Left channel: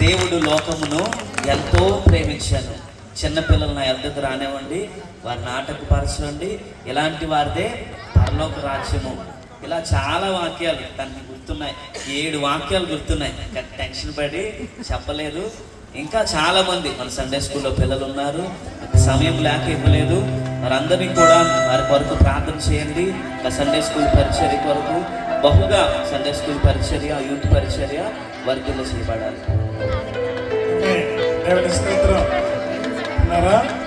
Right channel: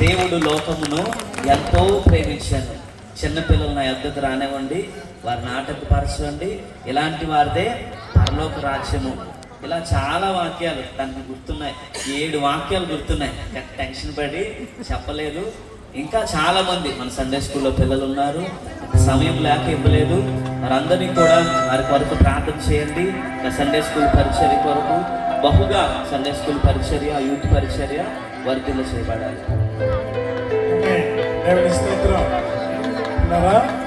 దేవుడు లోకమును ఎంతో ప్రేమించాను. చిన్నపిల్లలు నా యొద్దకు రానివ్వండి, వారిని ఆటంకపరచండి, ఇలాంటి వారిదే పరలోక రాజ్యము. ఇలా చాలా వాక్యాలు దానికి గుర్తున్నాయి. 7 వాక్యాలు గుర్తున్నాయి. టెన్షన్ పడి చెప్పలేదు. ఇంకా చాలా మంది మన సండే స్కూల్లో పిల్లలు ఉన్నారు, సమయం లేక ఇవ్వలేదు. వారందరినీ కూడా వారి కొరకు ప్రార్థన చేయండి. సండే స్కూల్ పరిచర్య కొరకు బహుగా సండే స్కూల్ పరిచర్య, యూత్ పరిచర్య వర్ధిల్ల చేయబడాలి.